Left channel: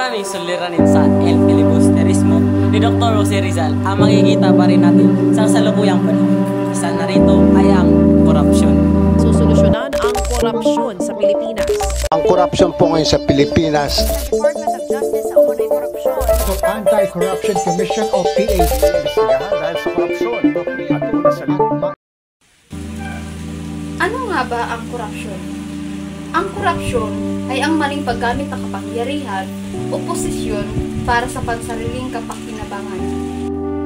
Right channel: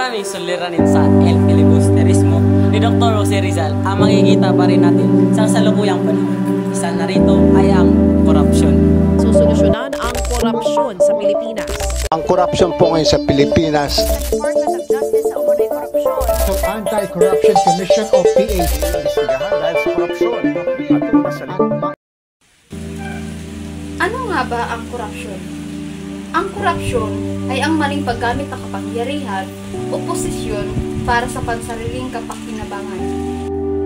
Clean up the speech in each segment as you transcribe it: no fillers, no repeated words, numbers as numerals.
maraming suliranin sa El Filibusterismo ni Dr. Jose Rizal ang makikita pa rin natin sa kasalukuyang panahon. Isa na rito ay ang korupsyon. Susolusyonan ang korupsyon sa Pilipinas. Ang korupsyon po ngayon sa Pilipinas. Department of Justice sa umunay korupsyon. So, Anti-Corruption Commission o PA. Imbestigahan dahil sa korupsyon at una sa Ano nga ba ang korupsyon? Ang korupsyon ay ang maling paggamit ng kapangyarihan o posisyon para sa pansariling kapakinabangan.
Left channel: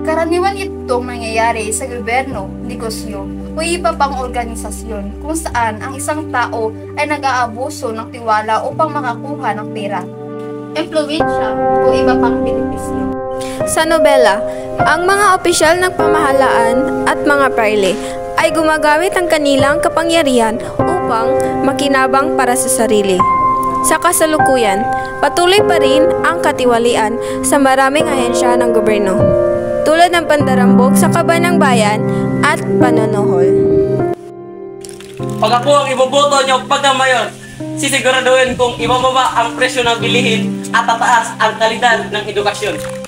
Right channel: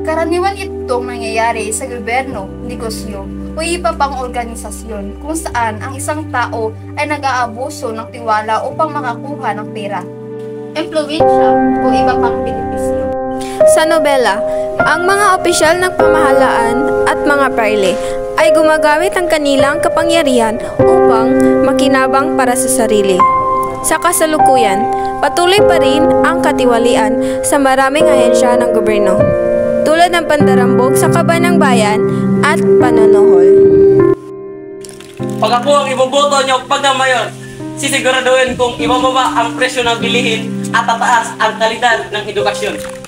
Karaniwan itong nangyayari sa gobyerno, negosyo, o iba pang organisasyon kung saan ang isang tao ay nag-aabuso ng tiwala upang makakuha ng pera, impluwensya o iba pang benepisyo. Sa nobela, ang mga opisyal ng pamahalaan at mga parle ay gumagamit ng kanilang kapangyarihan upang makinabang para sa sarili. Sa kasalukuyan, patuloy pa rin ang katiwalian sa maraming ahensya ng gobyerno, tulad ng pandarambog sa kaban ng bayan at panonohol. Pag ako ang iboboto nyo pag na mayor, sisiguraduhin kong ibababa ang presyo ng bilihin at tataas ang kalidad ng edukasyon.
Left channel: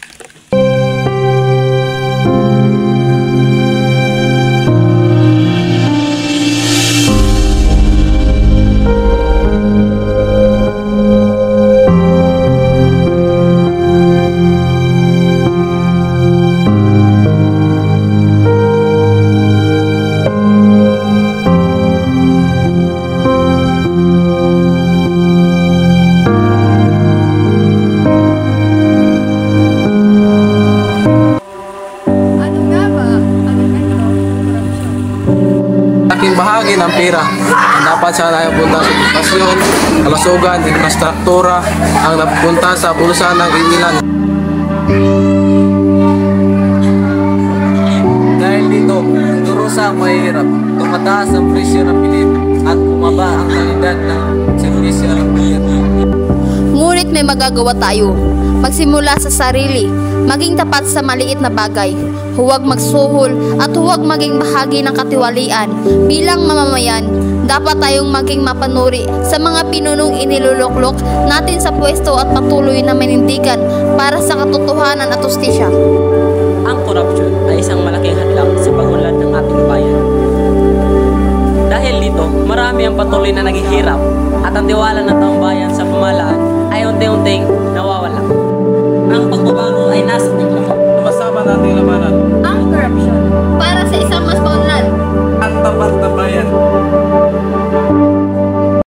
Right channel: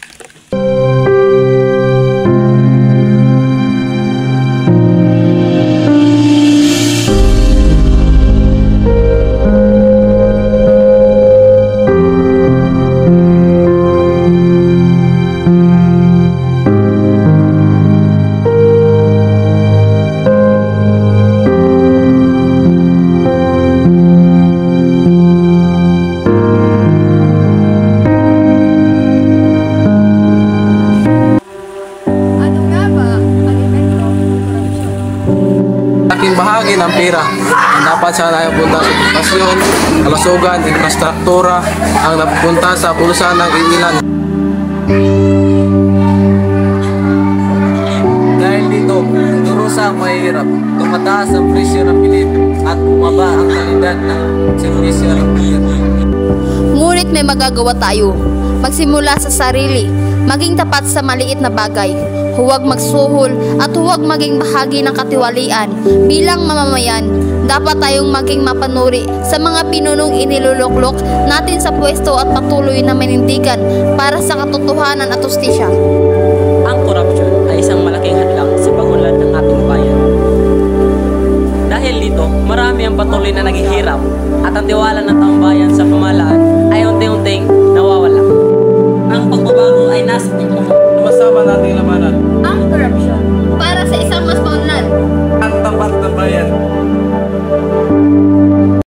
Laking bahagi ng pera ang dapat sana ay punta sa edukasyon, kalusugan, infrastruktura ang napunta sa bulsa ng iilan. Dahil dito, durusa ang mahirap, tumataas ang presyo ng bilhin at bumaba ang kalidad ng servisyo ng gobyerno. Ngunit may magagawa tayo. Magsimula sa sarili, maging tapat sa maliit na bagay. Huwag magsuhol at huwag maging bahagi ng katiwalian. Bilang mamamayan, dapat tayong maging mapanuri sa mga pinunong iniluluklok natin sa pwesto at patuloy na manindigan para sa katotohanan at hustisya. Ang korupsyon ay isang malaking hadlang sa pagunlad ng ating bayan. Dahil dito, marami ang patuloy na naghihirap at ang tiwala ng taong bayan sa pamahalaan ay unti-unting nawawala. Ang pagbabago ay nasa ating lahat. Masama nating labanan Ang korupsyon para sa isang mas paunlad ang tapat na bayan.